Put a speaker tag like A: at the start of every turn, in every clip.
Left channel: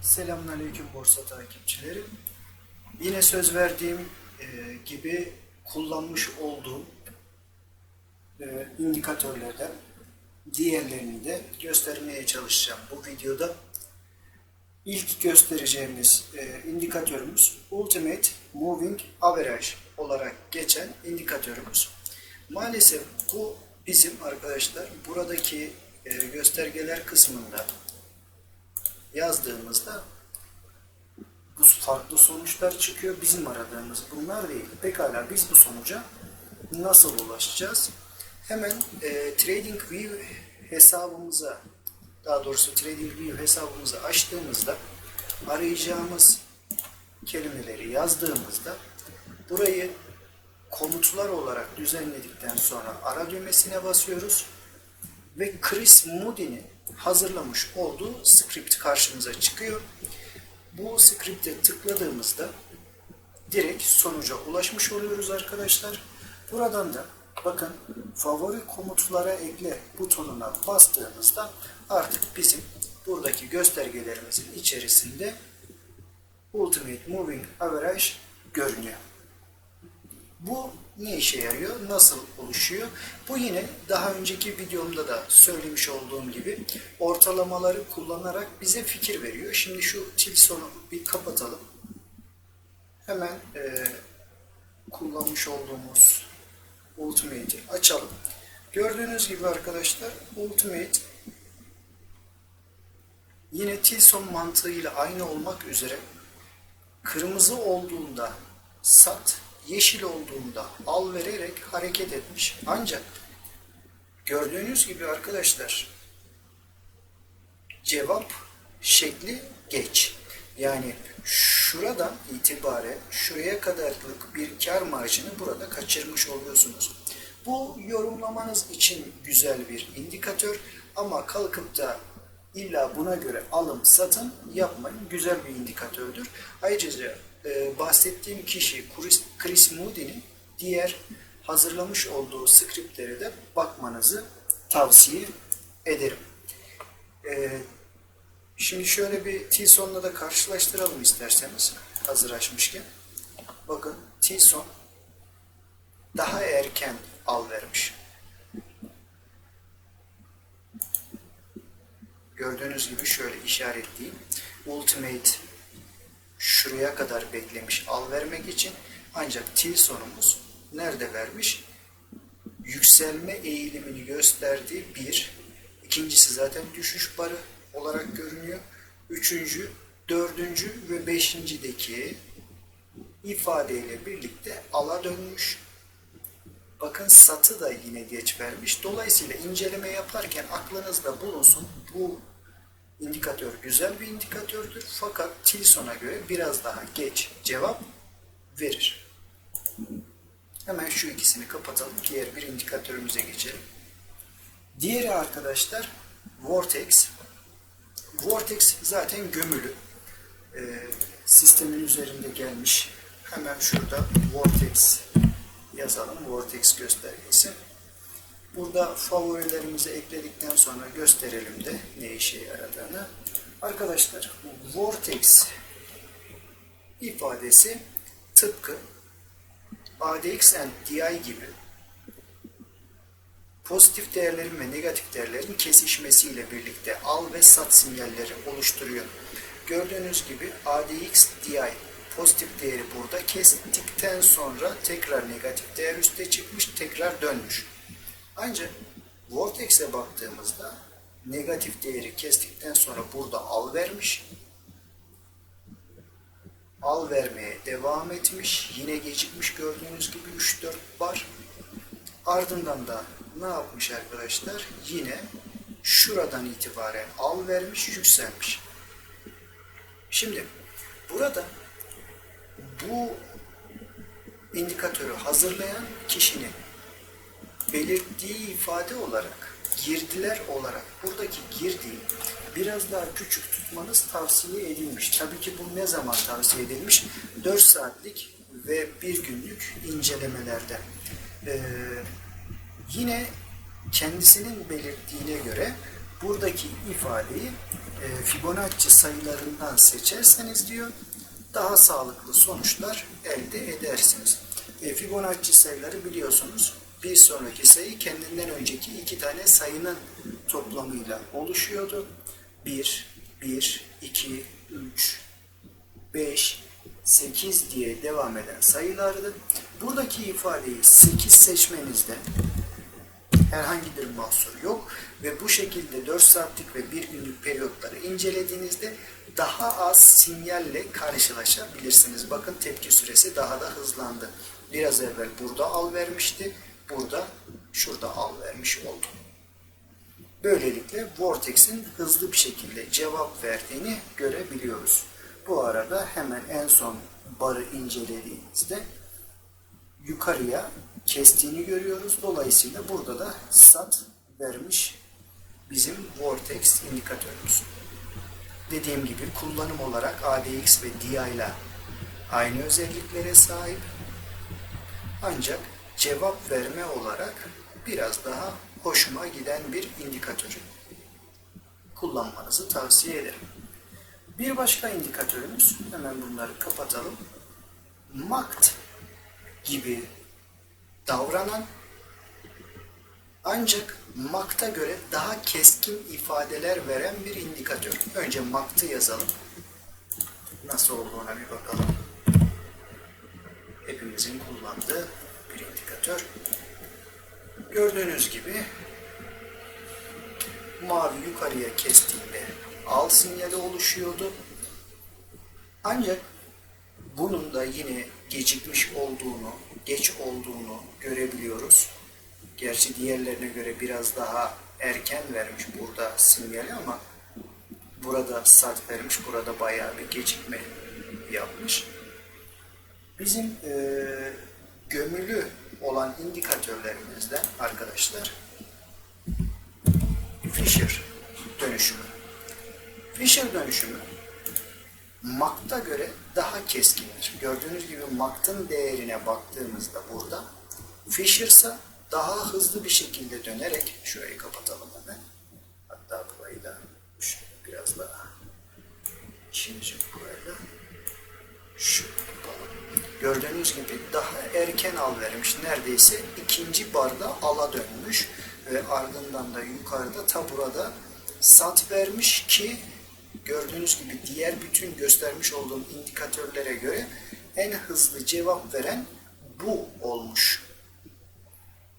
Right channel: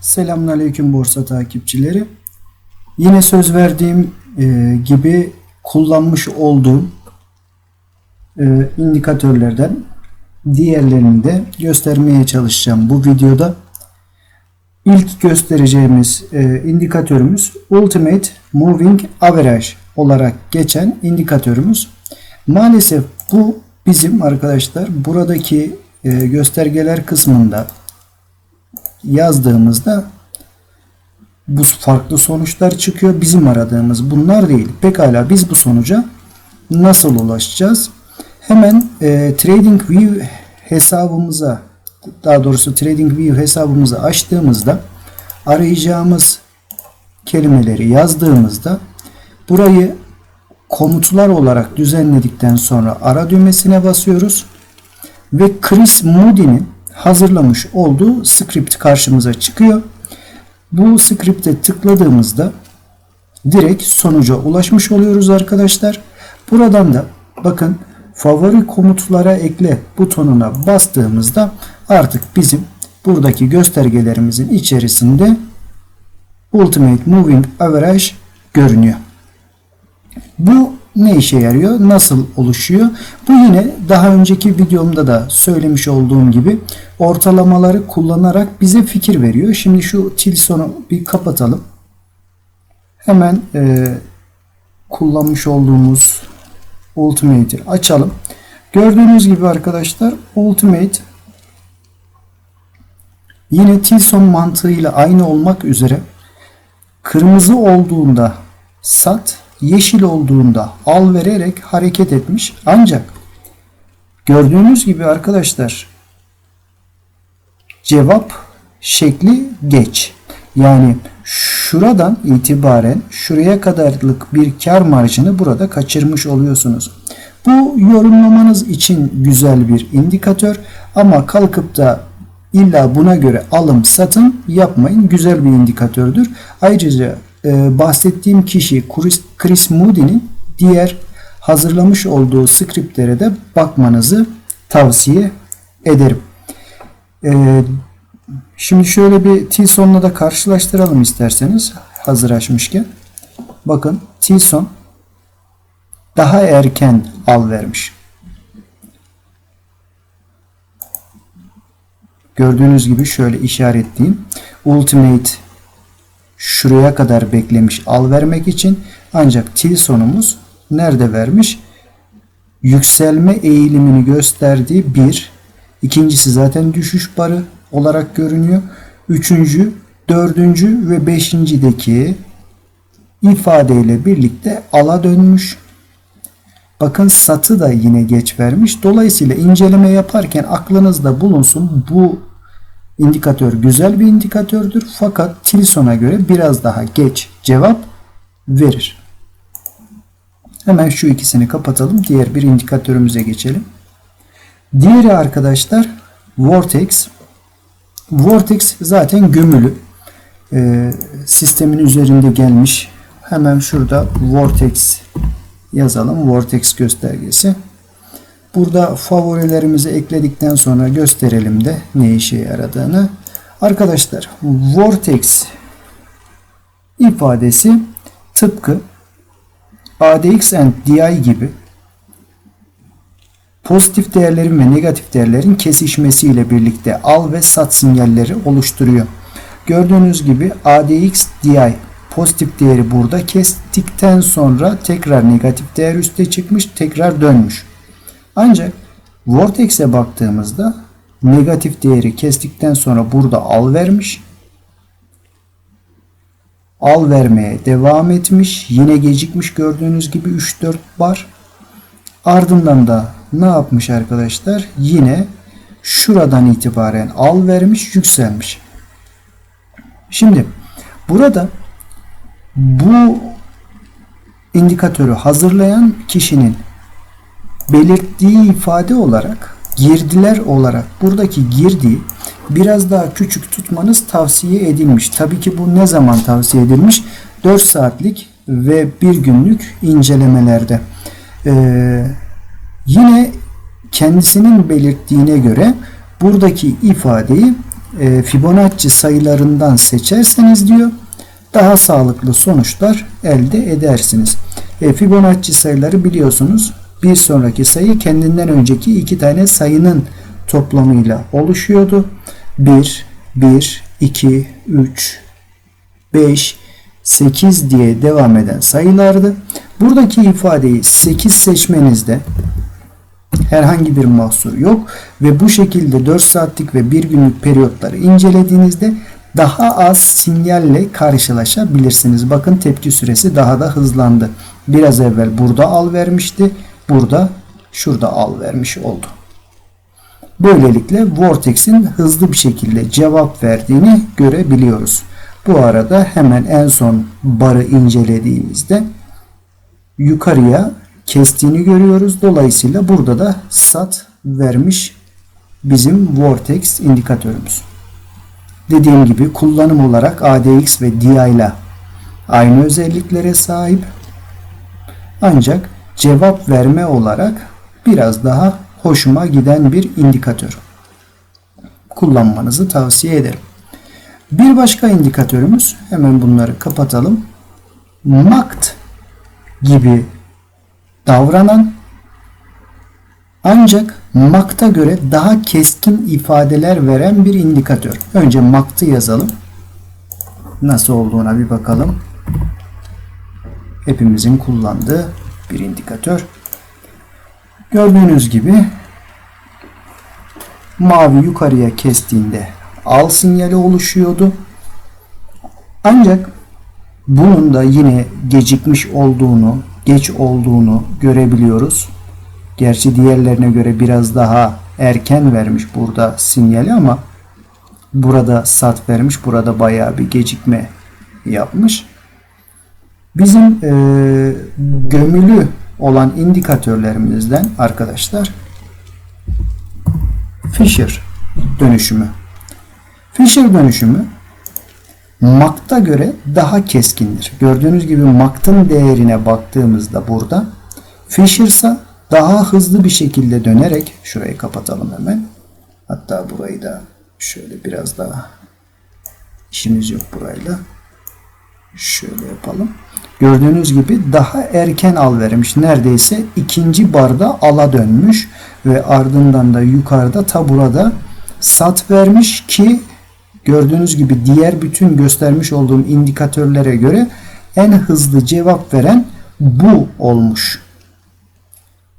A: Selamünaleyküm borsa takipçileri. Yine söz verdiğim e, gibi kullanmış olduğum e, indikatörlerden diğerlerini de göstermeye çalışacağım bu videoda. İlk göstereceğimiz e, indikatörümüz Ultimate Moving Average olarak geçen indikatörümüz. Maalesef bu bizim arkadaşlar buradaki e, göstergeler kısmında yazdığımızda bu farklı sonuçlar çıkıyor. Bizim aradığımız bunlar değil. Pekala biz bu sonuca nasıl ulaşacağız? Hemen e, TradingView hesabımıza daha doğrusu TradingView hesabımızı açtığımızda arayacağımız kelimeleri yazdığımızda burayı komutlar olarak düzenledikten sonra ara düğmesine basıyoruz ve Chris Moody'nin hazırlamış olduğu script karşımıza çıkıyor. Bu script'e tıkladığımızda direkt sonuca ulaşmış oluyoruz arkadaşlar. Buradan da bakın favori komutlara ekle butonuna bastığımızda artık bizim buradaki göstergelerimizin içerisinde Ultimate Moving Average görünüyor. Bu ne işe yarıyor? Nasıl oluşuyor? Bu yine daha önceki videomda da söylemiş olduğum gibi ortalamaları kullanarak bize fikir veriyor. Şimdi şu Tilson'u bir kapatalım. Hemen e, kullanmış olduğumuz Ultimate'i açalım. Gördüğünüz gibi arkadaşlar Ultimate yine Tilson mantığıyla aynı olmak üzere kırmızı olduğunda sat, yeşil olduğunda al vererek hareket etmiş. Ancak gördüğünüz gibi arkadaşlar cevap şekli geç. Yani şuradan itibaren şuraya kadarlık bir kar marjını burada kaçırmış oluyorsunuz. Bu yorumlamanız için güzel bir indikatör ama kalkıp da illa buna göre alım satım yapmayın. Güzel bir indikatördür. Ayrıca e, bahsettiğim kişi Chris, Chris Moody'nin diğer hazırlamış olduğu skriptlere de bakmanızı tavsiye ederim. E, şimdi şöyle bir Tilson'la da karşılaştıralım isterseniz hazır açmışken. Bakın Tilson daha erken al vermiş. Gördüğünüz gibi şöyle işaretleyeyim. Ultimate şuraya kadar beklemiş al vermek için. Ancak Tilson'umuz nerede vermiş? Yükselme eğilimini gösterdiği bir. İkincisi zaten düşüş barı olarak görünüyor. Üçüncü, dördüncü ve beşincideki ifadeyle birlikte ala dönmüş. Bakın satı da yine geç vermiş. Dolayısıyla inceleme yaparken aklınızda bulunsun bu indikatör güzel bir indikatördür. Fakat Tilson'a göre biraz daha geç cevap verir. Hemen şu ikisini kapatalım. Diğer bir indikatörümüze geçelim. Diğeri arkadaşlar Vortex. Vortex zaten gömülü. Ee, sistemin üzerinde gelmiş. Hemen şurada Vortex yazalım. Vortex göstergesi. Burada favorilerimizi ekledikten sonra gösterelim de ne işe yaradığını. Arkadaşlar Vortex ifadesi tıpkı ADX and DI gibi pozitif değerlerin ve negatif değerlerin kesişmesiyle birlikte al ve sat sinyalleri oluşturuyor. Gördüğünüz gibi ADX DI pozitif değeri burada kestikten sonra tekrar negatif değer üste çıkmış tekrar dönmüş. Ancak Vortex'e baktığımızda negatif değeri kestikten sonra burada al vermiş. Al vermeye devam etmiş. Yine gecikmiş gördüğünüz gibi 3-4 bar. Ardından da ne yapmış arkadaşlar? Yine şuradan itibaren al vermiş, yükselmiş. Şimdi burada bu indikatörü hazırlayan kişinin belirttiği ifade olarak girdiler olarak buradaki girdiği biraz daha küçük tutmanız tavsiye edilmiş. Tabii ki bu ne zaman tavsiye edilmiş? 4 saatlik ve 1 günlük incelemelerde. Ee, yine kendisinin belirttiğine göre buradaki ifadeyi e, Fibonacci sayılarından seçerseniz diyor daha sağlıklı sonuçlar elde edersiniz. E, Fibonacci sayıları biliyorsunuz bir sonraki sayı kendinden önceki iki tane sayının toplamıyla oluşuyordu. 1, 1, 2, 3, 5, 8 diye devam eden sayılardı. Buradaki ifadeyi 8 seçmenizde herhangi bir mahsur yok ve bu şekilde 4 saatlik ve 1 günlük periyotları incelediğinizde daha az sinyalle karşılaşabilirsiniz. Bakın tepki süresi daha da hızlandı. Biraz evvel burada al vermişti. Burada şurada al vermiş oldu. Böylelikle Vortex'in hızlı bir şekilde cevap verdiğini görebiliyoruz. Bu arada hemen en son barı incelediğimizde yukarıya kestiğini görüyoruz. Dolayısıyla burada da sat vermiş bizim Vortex indikatörümüz. Dediğim gibi kullanım olarak ADX ve DI ile aynı özelliklere sahip. Ancak cevap verme olarak biraz daha hoşuma giden bir indikatör. Kullanmanızı tavsiye ederim. Bir başka indikatörümüz hemen bunları kapatalım. MACD gibi davranan ancak MACD'a göre daha keskin ifadeler veren bir indikatör. Önce MACD'ı yazalım. Nasıl olduğuna bir bakalım. Hepimizin kullandığı bir indikatör. Gördüğünüz gibi mavi yukarıya kestiğinde al sinyali oluşuyordu. Ancak bunun da yine gecikmiş olduğunu, geç olduğunu görebiliyoruz. Gerçi diğerlerine göre biraz daha erken vermiş burada sinyali ama burada sat vermiş. Burada bayağı bir gecikme yapmış. Bizim e, gömülü olan indikatörlerimizden arkadaşlar Fisher dönüşümü. Fisher dönüşümü MACD'a göre daha keskindir. Gördüğünüz gibi MACD'ın değerine baktığımızda burada Fisher ise daha hızlı bir şekilde dönerek şurayı kapatalım hemen. Hatta burayı da şöyle biraz daha işimiz yok burayla. Şöyle yapalım. Gördüğünüz gibi daha erken al vermiş. Neredeyse ikinci barda ala dönmüş ve ardından da yukarıda ta burada sat vermiş ki gördüğünüz gibi diğer bütün göstermiş olduğum indikatörlere göre en hızlı cevap veren bu olmuş.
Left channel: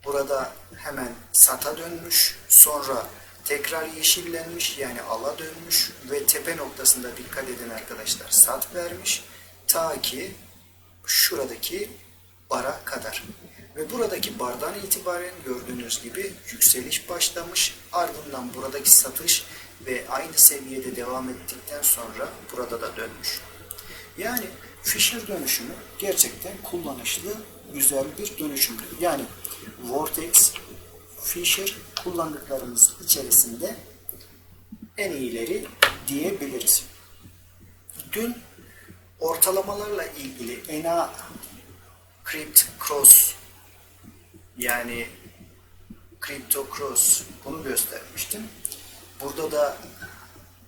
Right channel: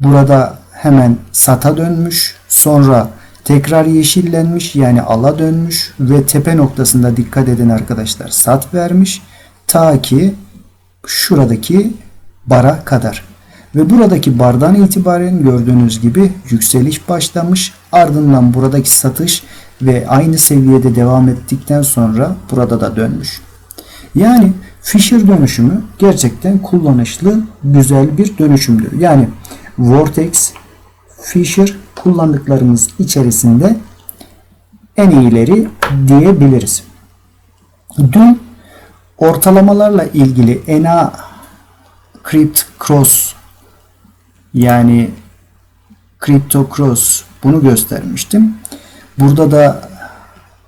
A: Burada hemen sata dönmüş. Sonra tekrar yeşillenmiş yani ala dönmüş ve tepe noktasında dikkat edin arkadaşlar sat vermiş. Ta ki şuradaki bara kadar. Ve buradaki bardan itibaren gördüğünüz gibi yükseliş başlamış. Ardından buradaki satış ve aynı seviyede devam ettikten sonra burada da dönmüş. Yani Fisher dönüşümü gerçekten kullanışlı, güzel bir dönüşümdür. Yani Vortex, Fisher kullandıklarımız içerisinde en iyileri diyebiliriz. Dün ortalamalarla ilgili ENA Crypt Cross yani Crypto Cross bunu göstermiştim. Burada da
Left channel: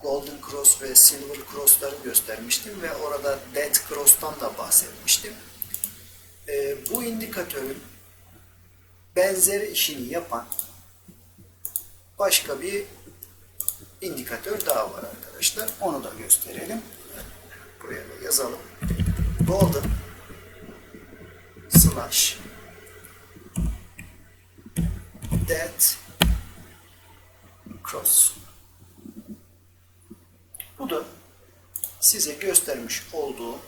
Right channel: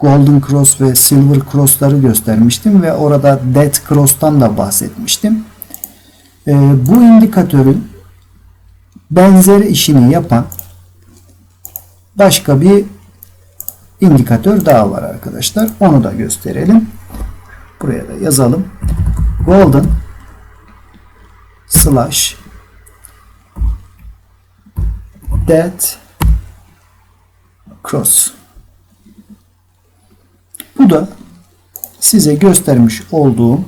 A: Golden Cross ve Silver Cross'ları göstermiştim ve orada Death Cross'tan da bahsetmiştim. E, bu indikatörün benzer işini yapan başka bir indikatör daha var arkadaşlar. Onu da gösterelim. Buraya da yazalım. Golden slash dead cross. Bu da size göstermiş olduğum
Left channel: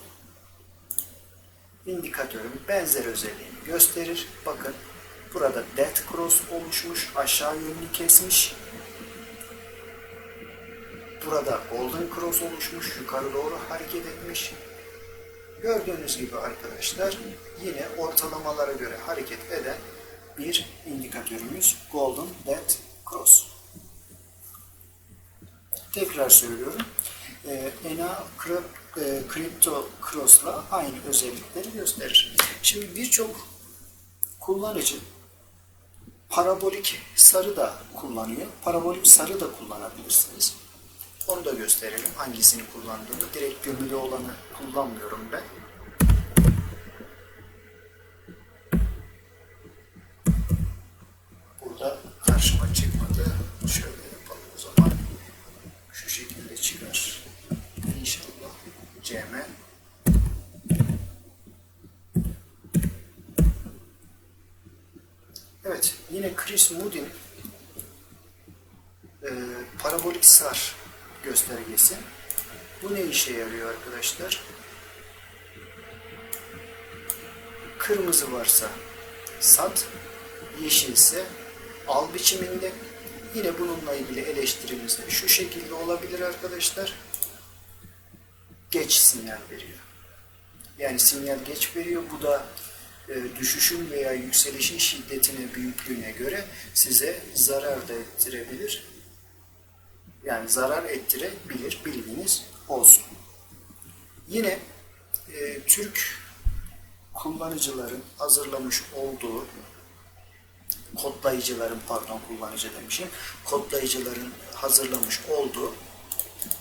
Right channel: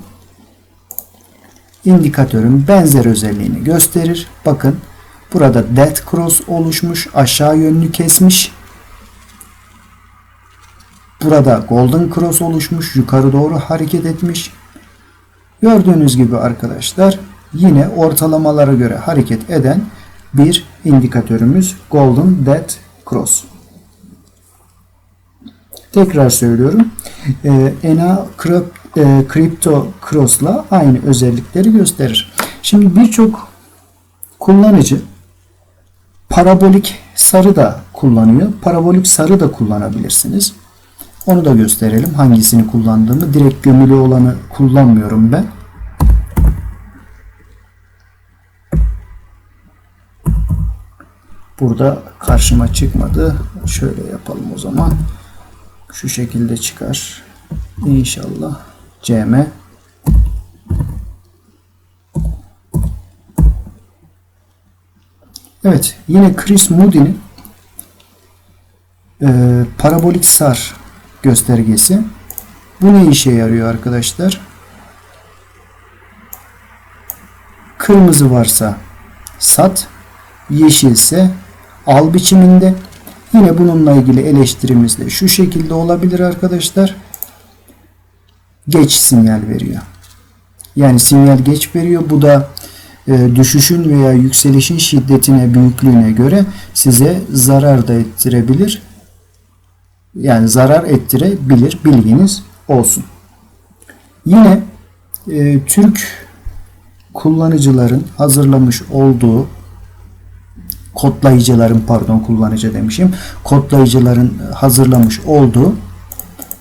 A: indikatörün benzer özelliğini gösterir. Bakın burada dead cross oluşmuş. Aşağı yönlü kesmiş. Burada golden cross oluşmuş. Yukarı doğru hareket etmiş. Gördüğünüz gibi arkadaşlar yine ortalamalara göre hareket eden bir indikatörümüz Golden Dead Cross. Tekrar söylüyorum. ENA e, Crypto Cross'la aynı özellikleri gösterir. Şimdi birçok kullanıcı parabolik sarı da kullanıyor. Parabolik sarı da kullanabilirsiniz. Onu da gösterelim hangisini kullandığımı. Direkt gömülü olanı kullanmıyorum ben. Burada karşıma çıkmadı. Şöyle yapalım o zaman. Şu şekilde çıkar. İnşallah. CM. Evet. Yine Chris Moody'nin e, parabolik sar göstergesi. Bu ne işe yarıyor arkadaşlar? Kırmızı varsa sat, yeşilse al biçiminde. Yine bununla ilgili eleştirimiz de şu şekilde olabilir arkadaşlar. Geç sinyal veriyor. Yani sinyal geç veriyor. Bu da e, düşüşün veya yükselişin şiddetine, büyüklüğüne göre size zarar da ettirebilir. Yani zarar ettirebilir. Bilginiz olsun. Yine e, Türk kullanıcıların hazırlamış olduğu kodlayıcıların pardon kullanıcı demişim. Kodlayıcıların hazırlamış olduğu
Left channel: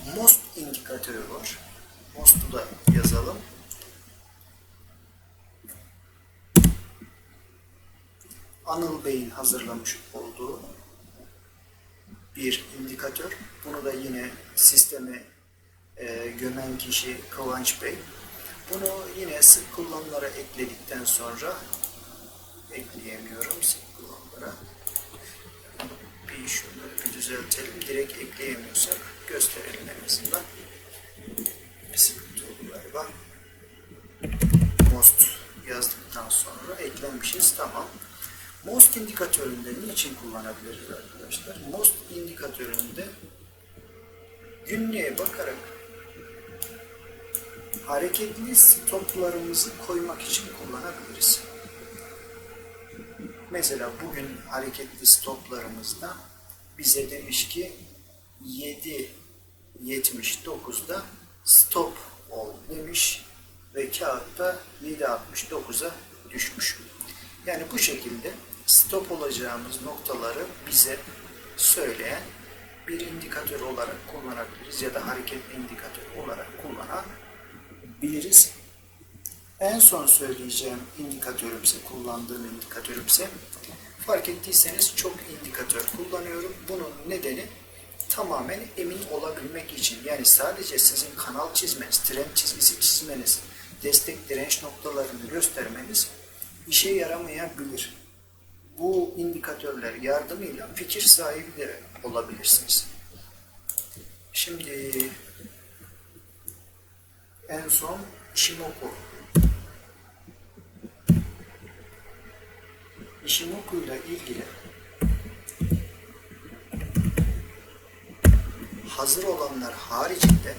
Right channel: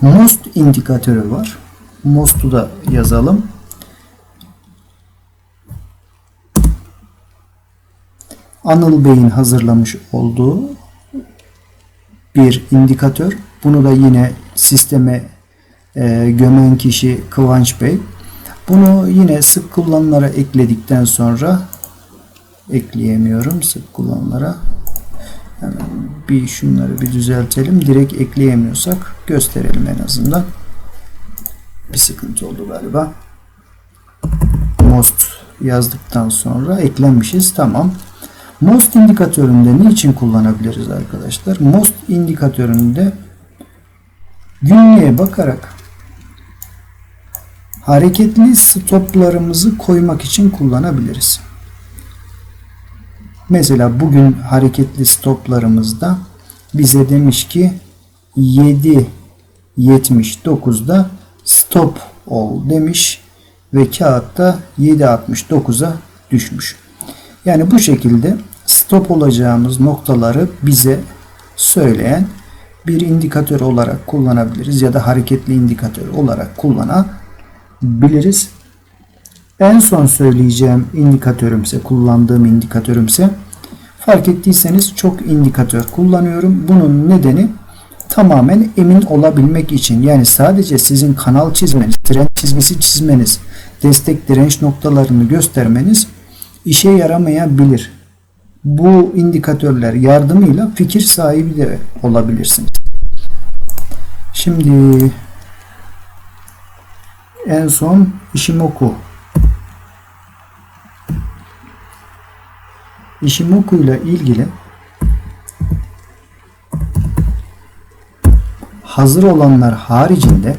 A: MOST indikatörü var. MOST'u da yazalım. Anıl Bey'in hazırlamış olduğu bir indikatör. Bunu da yine sisteme e, gömen kişi Kıvanç Bey. Bunu yine sık kullanılara ekledikten sonra ekleyemiyorum sık kullanılara. Hemen bir şunları bir düzeltelim. Direkt ekleyemiyorsak gösterelim en azından. Bir sıkıntı oldu galiba. Most yazdıktan sonra eklenmişiz. Tamam. Most indikatöründe niçin kullanabiliriz arkadaşlar? Most indikatöründe günlüğe bakarak hareketli stoplarımızı koymak için kullanabiliriz. Mesela bugün hareketli stoplarımızda bize demiş ki 7.79'da stop ol demiş ve kağıtta 7.69'a düşmüş. Yani bu şekilde stop olacağımız noktaları bize söyleyen bir indikatör olarak kullanabiliriz ya da hareketli indikatör olarak kullanabiliriz. En son söyleyeceğim indikatörümse, kullandığım indikatörümse fark ettiyseniz çok indikatör kullanıyorum. Bunun nedeni tamamen emin olabilmek için. Yani sadece sizin kanal çizmeniz, trend çizgisi çizmeniz, destek direnç noktalarını göstermeniz işe yaramayabilir. Bu indikatörler yardımıyla fikir sahibi de olabilirsiniz. Şimdi en son Ishimoku Ishimoku ile ilgili hazır olanlar haricinde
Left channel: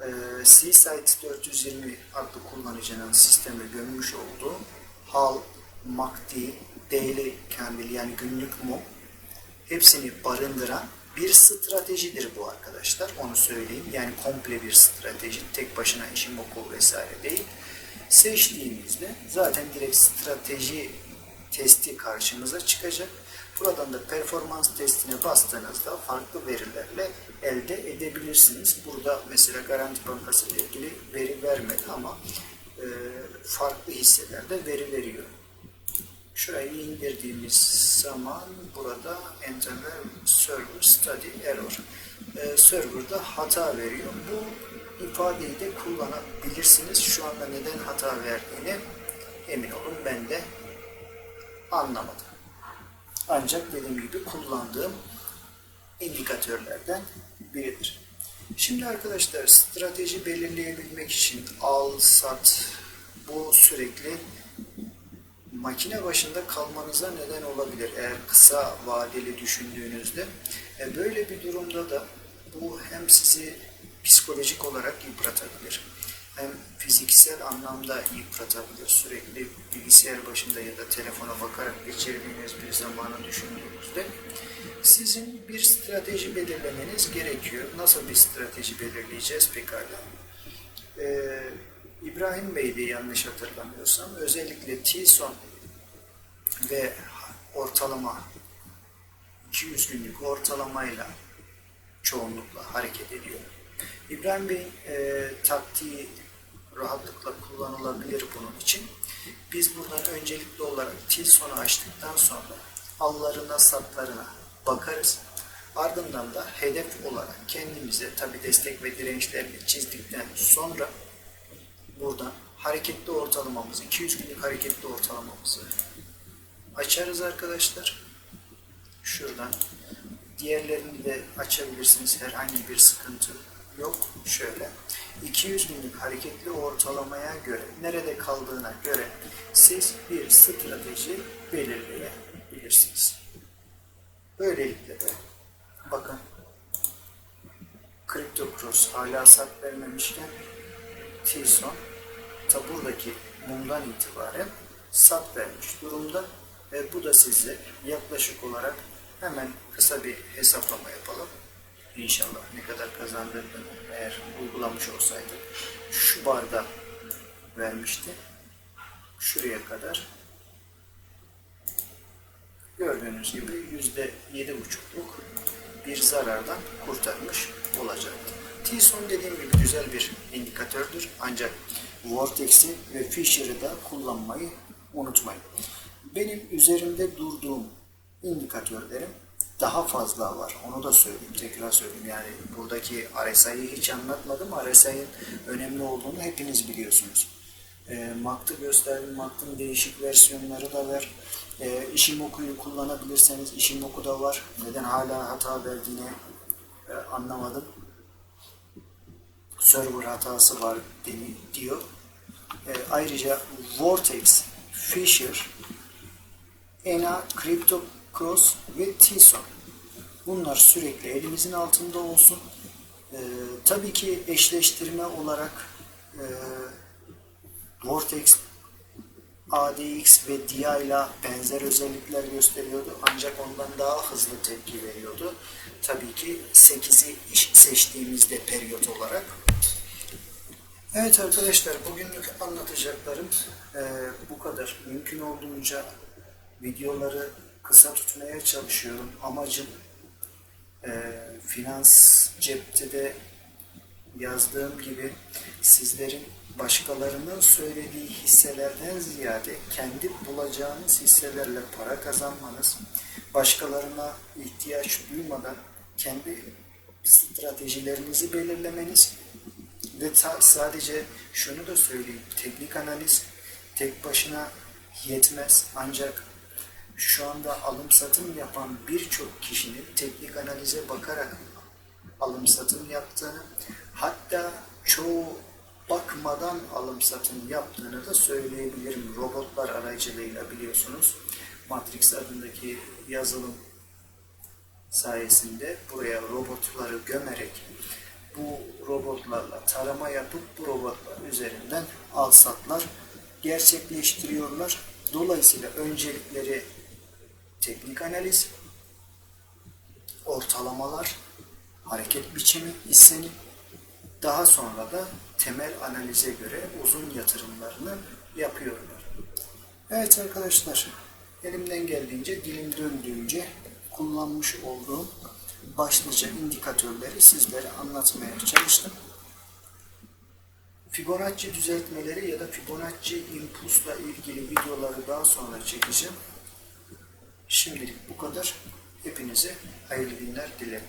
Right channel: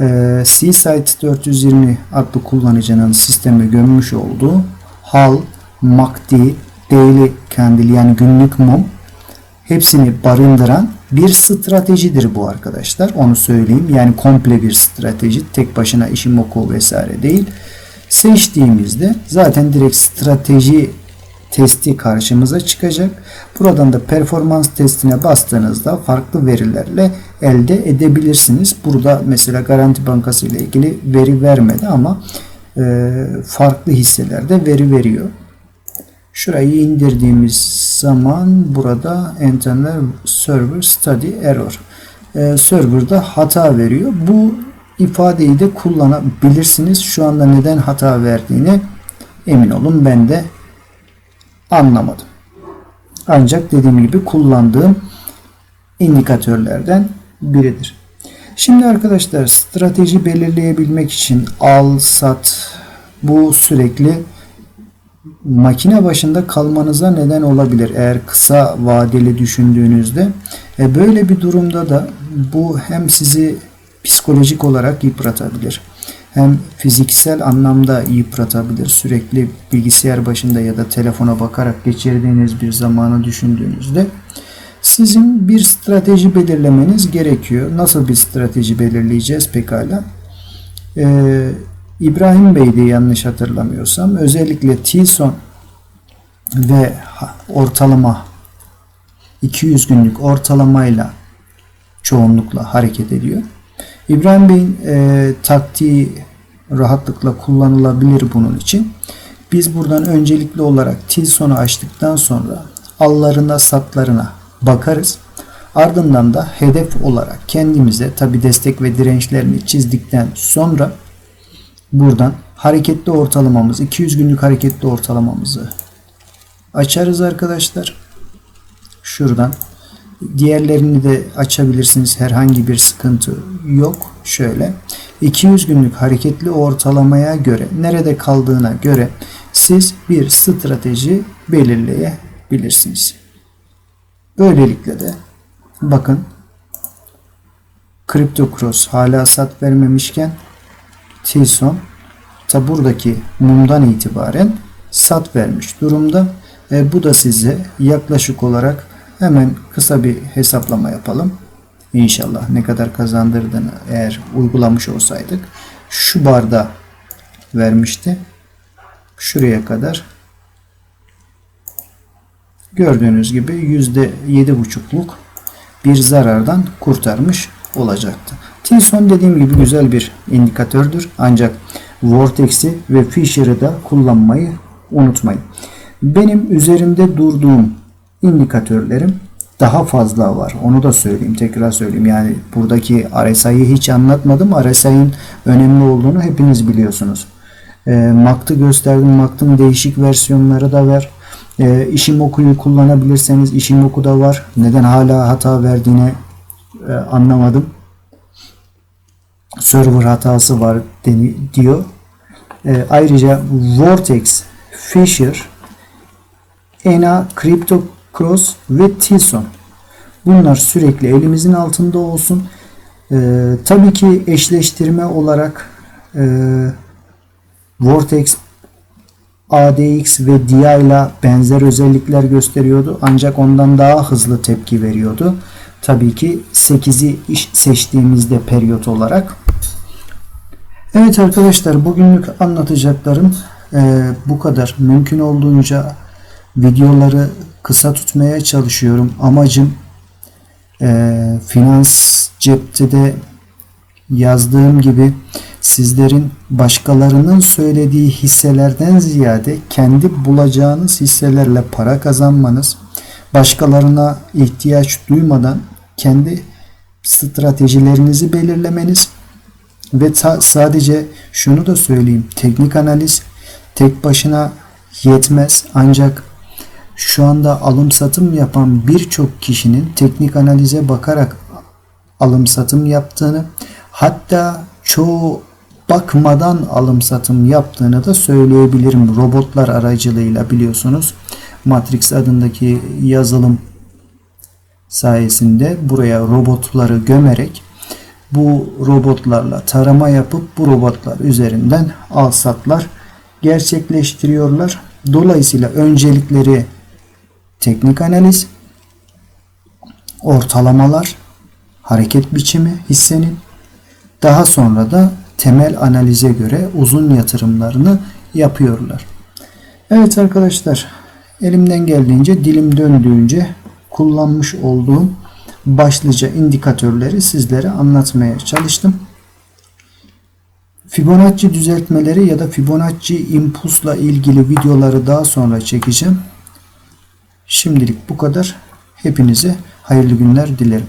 A: e, Seaside 420 adlı kullanıcının sisteme gömmüş olduğu HAL, MACD, Daily Candle yani günlük mum hepsini barındıran bir stratejidir bu arkadaşlar. Onu söyleyeyim. Yani komple bir strateji. Tek başına Ishimoku vesaire değil seçtiğimizde zaten direkt strateji testi karşımıza çıkacak. Buradan da performans testine bastığınızda farklı verilerle elde edebilirsiniz. Burada mesela Garanti Bankası ile ilgili veri vermedi ama e, farklı hisselerde veri veriyor. Şurayı indirdiğimiz zaman burada Internal Server Study Error e, serverda hata veriyor. Bu ifadeyi de kullanabilirsiniz. Şu anda neden hata verdiğini emin olun ben de anlamadım. Ancak dediğim gibi kullandığım indikatörlerden biridir. Şimdi arkadaşlar strateji belirleyebilmek için al, sat bu sürekli makine başında kalmanıza neden olabilir. Eğer kısa vadeli düşündüğünüzde e böyle bir durumda da bu hem sizi psikolojik olarak yıpratabilir. Hem fiziksel anlamda yıpratabilir. Sürekli bilgisayar başında ya da telefona bakarak geçirdiğiniz bir zamanı düşündüğünüzde sizin bir strateji belirlemeniz gerekiyor. Nasıl bir strateji belirleyeceğiz pekala? Ee, İbrahim Bey de yanlış hatırlamıyorsam özellikle Tilson ve ortalama 200 günlük ortalamayla çoğunlukla hareket ediyor. İbrahim Bey'in e, taktiği rahatlıkla kullanılabilir bunun için. Biz buradan öncelikli olarak Tilson'u açtıktan sonra allarına satlarına bakarız. Ardından da hedef olarak kendimize tabi destek ve dirençlerini çizdikten sonra buradan hareketli ortalamamız 200 günlük hareketli ortalamamızı açarız arkadaşlar. Şuradan diğerlerini de açabilirsiniz. Herhangi bir sıkıntı yok. Şöyle 200 günlük hareketli ortalamaya göre nerede kaldığına göre siz bir strateji belirleyebilirsiniz. Böylelikle de bakın Crypto Cross hala sat vermemişken Tilson ta buradaki mumdan itibaren sat vermiş durumda. E, bu da size yaklaşık olarak hemen kısa bir hesaplama yapalım. İnşallah ne kadar kazandırdığını eğer uygulamış olsaydık şu barda vermişti. Şuraya kadar gördüğünüz gibi yüzde yedi buçukluk bir zarardan kurtarmış olacaktı. Tilson dediğim gibi güzel bir indikatördür. Ancak Vortex'i ve Fisher'ı da kullanmayı unutmayın. Benim üzerimde durduğum indikatörlerim daha fazla var. Onu da söyleyeyim. Tekrar söyleyeyim. Yani buradaki RSI'yi hiç anlatmadım. RSI'nin önemli olduğunu hepiniz biliyorsunuz. E, MACD'ı gösterdim. MACD'ın değişik versiyonları da var. E, Ishimoku'yu kullanabilirseniz Ishimoku da var. Neden hala hata verdiğini e, anlamadım. Server hatası var diyor. E, ayrıca Vortex, Fisher, ENA, Crypto Cross ve Tilson. Bunlar sürekli elimizin altında olsun. Ee, tabii ki eşleştirme olarak e, Vortex, ADX ve DIA ile benzer özellikler gösteriyordu. Ancak ondan daha hızlı tepki veriyordu. Tabii ki 8'i seçtiğimizde periyot olarak. Evet arkadaşlar bugünlük anlatacaklarım e, bu kadar. Mümkün olduğunca videoları kısa tutmaya çalışıyorum. Amacım e, finans cepte de yazdığım gibi sizlerin başkalarının söylediği hisselerden ziyade kendi bulacağınız hisselerle para kazanmanız, başkalarına ihtiyaç duymadan kendi stratejilerinizi belirlemeniz ve sadece şunu da söyleyeyim. Teknik analiz tek başına yetmez ancak şu anda alım satım yapan birçok kişinin teknik analize bakarak alım satım yaptığını hatta çoğu bakmadan alım satım yaptığını da söyleyebilirim. Robotlar aracılığıyla biliyorsunuz. Matrix adındaki yazılım sayesinde buraya robotları gömerek bu robotlarla tarama yapıp bu robotlar üzerinden al satlar gerçekleştiriyorlar. Dolayısıyla öncelikleri teknik analiz, ortalamalar, hareket biçimi hissenin, daha sonra da temel analize göre uzun yatırımlarını yapıyorlar. Evet arkadaşlar, elimden geldiğince, dilim döndüğünce kullanmış olduğum başlıca indikatörleri sizlere anlatmaya çalıştım. Fibonacci düzeltmeleri ya da Fibonacci impulsla ilgili videoları daha sonra çekeceğim. Şimdilik bu kadar. Hepinize hayırlı günler dilerim.